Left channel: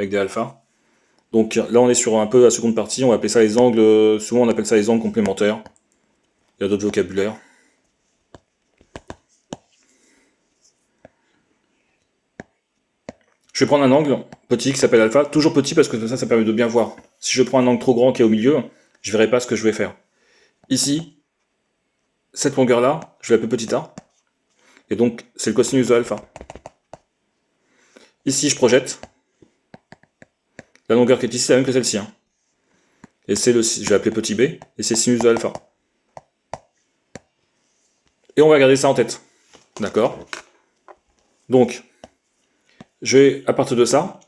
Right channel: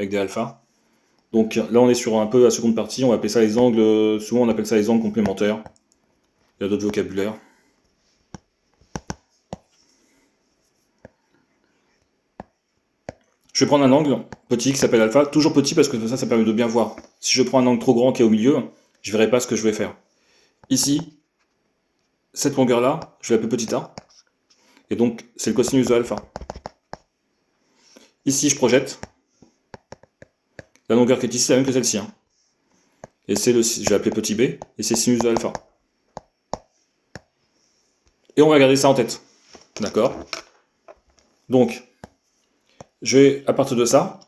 avec des alphas. Donc là, on est sur un peu la seconde partie, on va appeler ça les angles, souvent on appelle ça les angles complémentaires. Il y a d'autres vocabulaires. Je vais prendre un angle petit qui s'appelle alpha, toujours petit parce que ça permet de bien voir. Si je prends un angle trop grand qui est au milieu, je ne verrai pas ce que je vais faire. Ici, cette longueur-là, je vais l'appeler petit a, et donc c'est le cosinus de alpha. Ici, je projette. La longueur qui est ici, c'est la même que celle-ci. Hein. Et c'est je vais l'appeler petit b, et c'est sinus de alpha. Et on va garder ça en tête. D'accord? Donc, je vais, à partir de ça,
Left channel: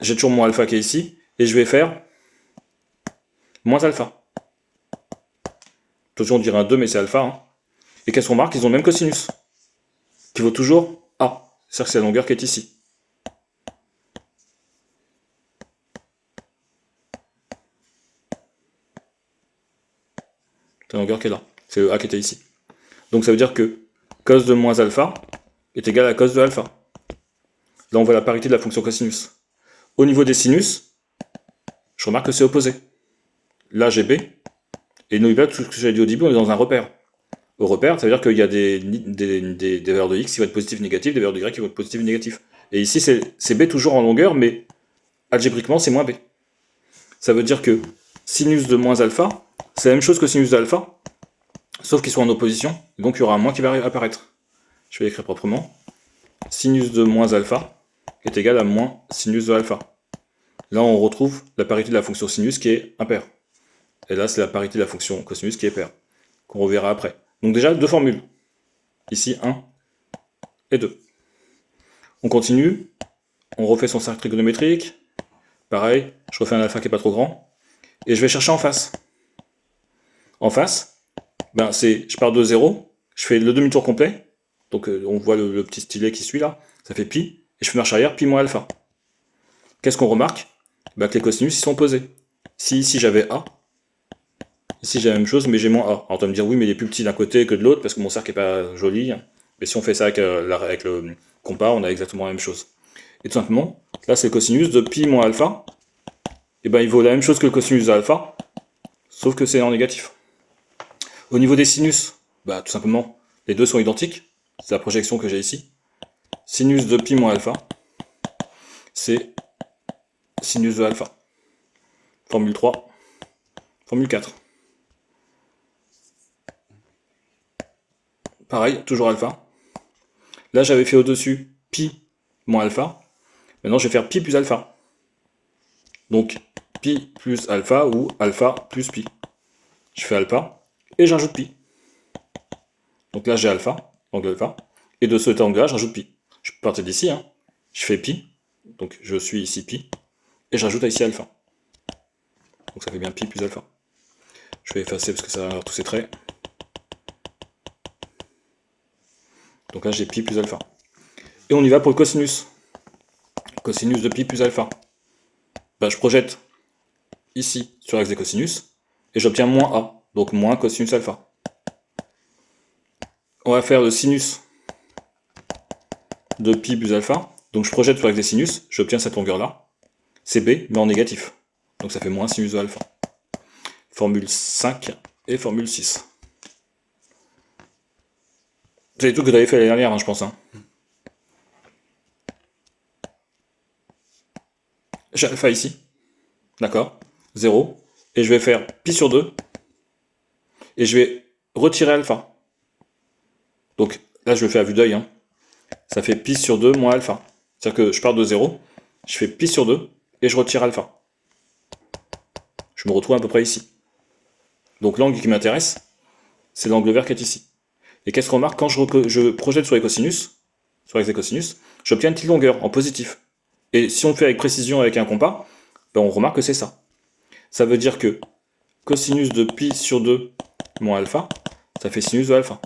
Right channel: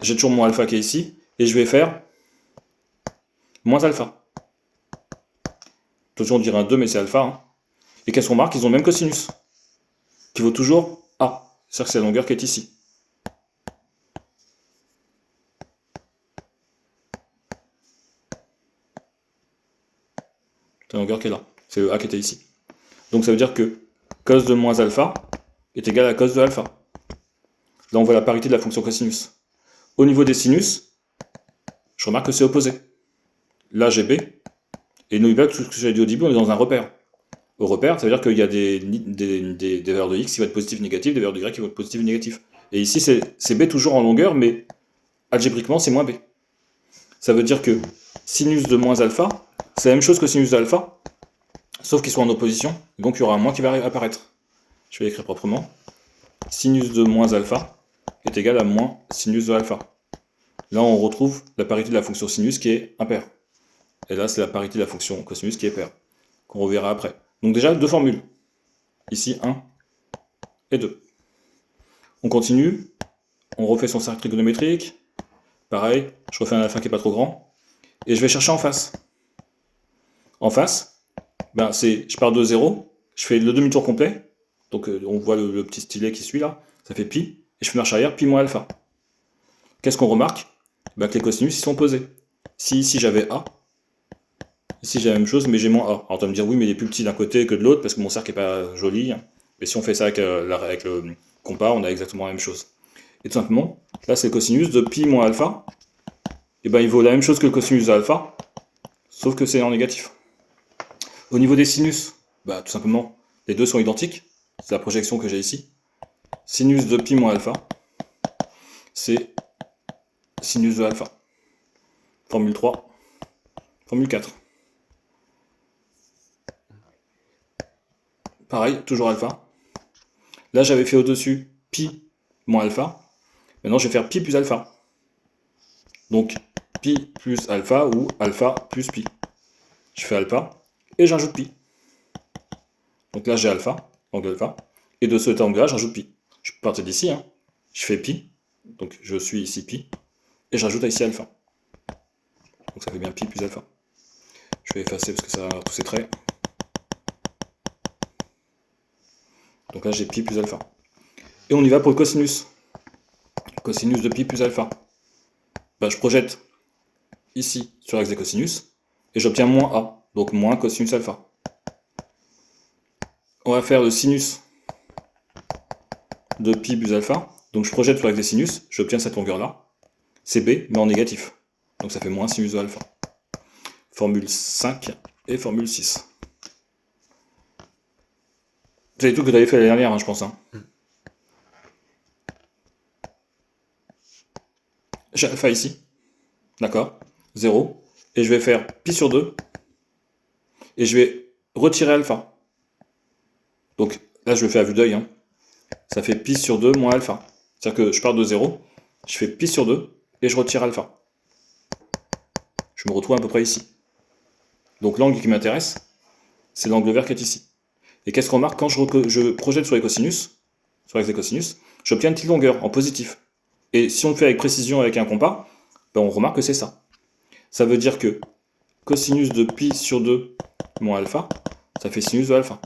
j'ai toujours mon alpha qui est ici, et je vais faire moins alpha. Toujours on dirait un 2, mais c'est alpha. Hein. Et qu'est-ce qu'on marque? Ils ont le même cosinus, qui vaut toujours a. C'est-à-dire que c'est la longueur qui est ici. C'est la longueur qui est là. C'est le a qui était ici. Donc ça veut dire que cos de moins alpha est égal à cos de alpha. Là, on voit la parité de la fonction cosinus. Au niveau des sinus, je remarque que c'est opposé. Là, j'ai b. Et n'oubliez pas que ce que j'avais dit au début, on est dans un repère. Au repère, ça veut dire qu'il y a des valeurs de x qui vont être positives et négatives, des valeurs de y qui vont être positives et négatives. Et ici, c'est b toujours en longueur, mais algébriquement, c'est moins b. Ça veut dire que sinus de moins alpha, c'est la même chose que sinus d'alpha, sauf qu'ils sont en opposition, donc il y aura un moins qui va apparaître. Je vais l'écrire proprement. Sinus de moins alpha est égal à moins sinus de alpha. Là, on retrouve la parité de la fonction sinus qui est impaire. Et là, c'est la parité de la fonction cosinus qui est paire, qu'on reverra après. Donc déjà, deux formules. Ici, 1 et 2. On continue. On refait son cercle trigonométrique. Pareil, je refais un alpha qui n'est pas trop grand. Et je vais chercher en face. En face, ben je pars de 0, je fais le demi-tour complet. Donc on voit le petit stylet qui suit là. Ça fait pi. Et je fais marche arrière, pi moins alpha. Qu'est-ce qu'on remarque? Ben, que les cosinus ils sont opposés. Si ici j'avais a, ici j'ai la même chose, mais j'ai moins a. Alors tu vas me dire oui, mais il est plus petit d'un côté que de l'autre parce que mon cercle n'est pas joli. Mais si on fait ça avec le compas, on a exactement la même chose. Et tout simplement, là c'est le cosinus de pi moins alpha. Et ben il vaut la même chose que le cosinus de alpha, sauf que c'est en négatif. Au niveau des sinus, bah tout simplement, les deux sont identiques. C'est la projection que j'ai ici. Sinus de pi moins alpha, c'est sinus de alpha. Formule 3, formule 4. Pareil, toujours alpha. Là, j'avais fait au-dessus pi moins alpha. Maintenant, je vais faire pi plus alpha. Donc, pi plus alpha ou alpha plus pi. Je fais alpha et j'ajoute pi. Donc là, j'ai alpha, angle alpha. Et de cet angle-là, j'ajoute pi. Je peux partir d'ici. Hein. Je fais pi. Donc, je suis ici pi. Et j'ajoute ici alpha. Donc ça fait bien pi plus alpha. Je vais effacer parce que ça va avoir tous ces traits. Donc là, j'ai pi plus alpha. Et on y va pour le cosinus. Cosinus de pi plus alpha. Ben, je projette ici sur l'axe des cosinus. Et j'obtiens moins a. Donc moins cosinus alpha. On va faire le sinus de pi plus alpha. Donc je projette sur l'axe des sinus. J'obtiens cette longueur-là. C'est b, mais en négatif. Donc ça fait moins sinus de alpha. Formule 5 et formule 6. C'est tout que tu avais fait l'année dernière, hein, je pense. Hein. J'ai alpha ici. D'accord? 0. Et je vais faire pi sur 2. Et je vais retirer alpha. Donc là, je le fais à vue d'œil. Hein. Ça fait pi sur 2 moins alpha. C'est-à-dire que je pars de 0. Je fais pi sur 2. Et je retire alpha. Je me retrouve à peu près ici. Donc l'angle qui m'intéresse, c'est l'angle vert qui est ici. Et qu'est-ce qu'on remarque quand je projette sur les cosinus, sur l'axe des cosinus, j'obtiens une petite longueur en positif. Et si on le fait avec précision avec un compas, ben on remarque que c'est ça. Ça veut dire que cosinus de pi sur 2 moins alpha, ça fait sinus de alpha.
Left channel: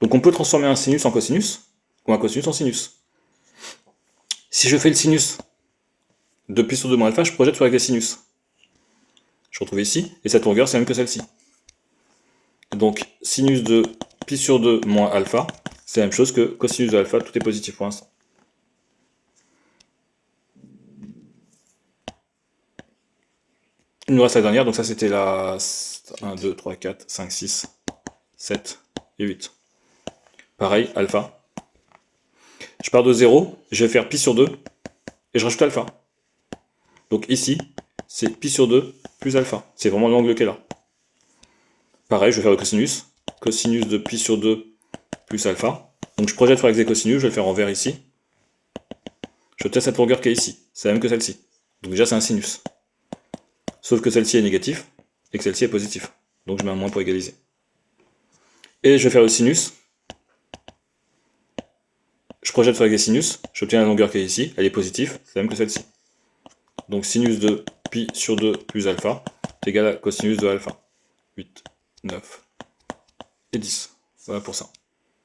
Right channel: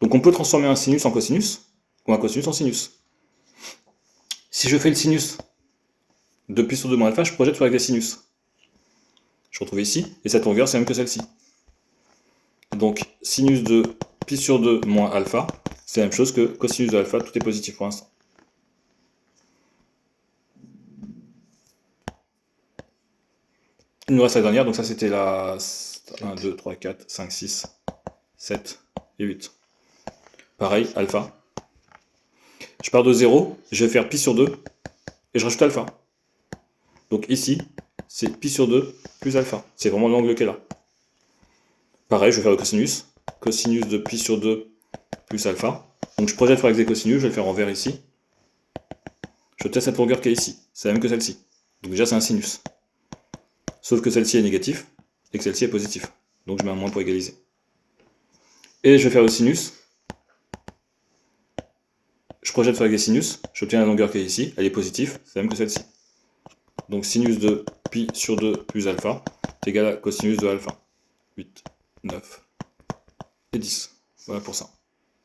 Donc on peut transformer un sinus en cosinus, ou un cosinus en sinus. Si je fais le sinus de pi sur 2 moins alpha, je projette sur l'axe des sinus. Je retrouve ici, et cette longueur c'est la même que celle-ci. Donc sinus de pi sur 2 moins alpha, c'est la même chose que cosinus de alpha, tout est positif pour l'instant. Il nous reste la dernière, donc ça c'était la 1, 2, 3, 4, 5, 6, 7 et 8. Pareil, alpha. Je pars de 0, je vais faire pi sur 2 et je rajoute alpha. Donc ici, c'est pi sur 2 plus alpha. C'est vraiment l'angle qui est là. Pareil, je vais faire le cosinus. Cosinus de pi sur 2 plus alpha. Donc je projette sur l'axe des cosinus, je vais le faire en vert ici. Je teste cette longueur qui est ici. C'est la même que celle-ci. Donc déjà c'est un sinus. Sauf que celle-ci est négative et que celle-ci est positive. Donc je mets un moins pour égaliser. Et je vais faire le sinus. Je projette sur l'axe des sinus, j'obtiens la longueur qui est ici, elle est positive, c'est la même que celle-ci. Donc sinus de pi sur 2 plus alpha est égal à cosinus de alpha. 8, 9 et 10. Voilà pour ça.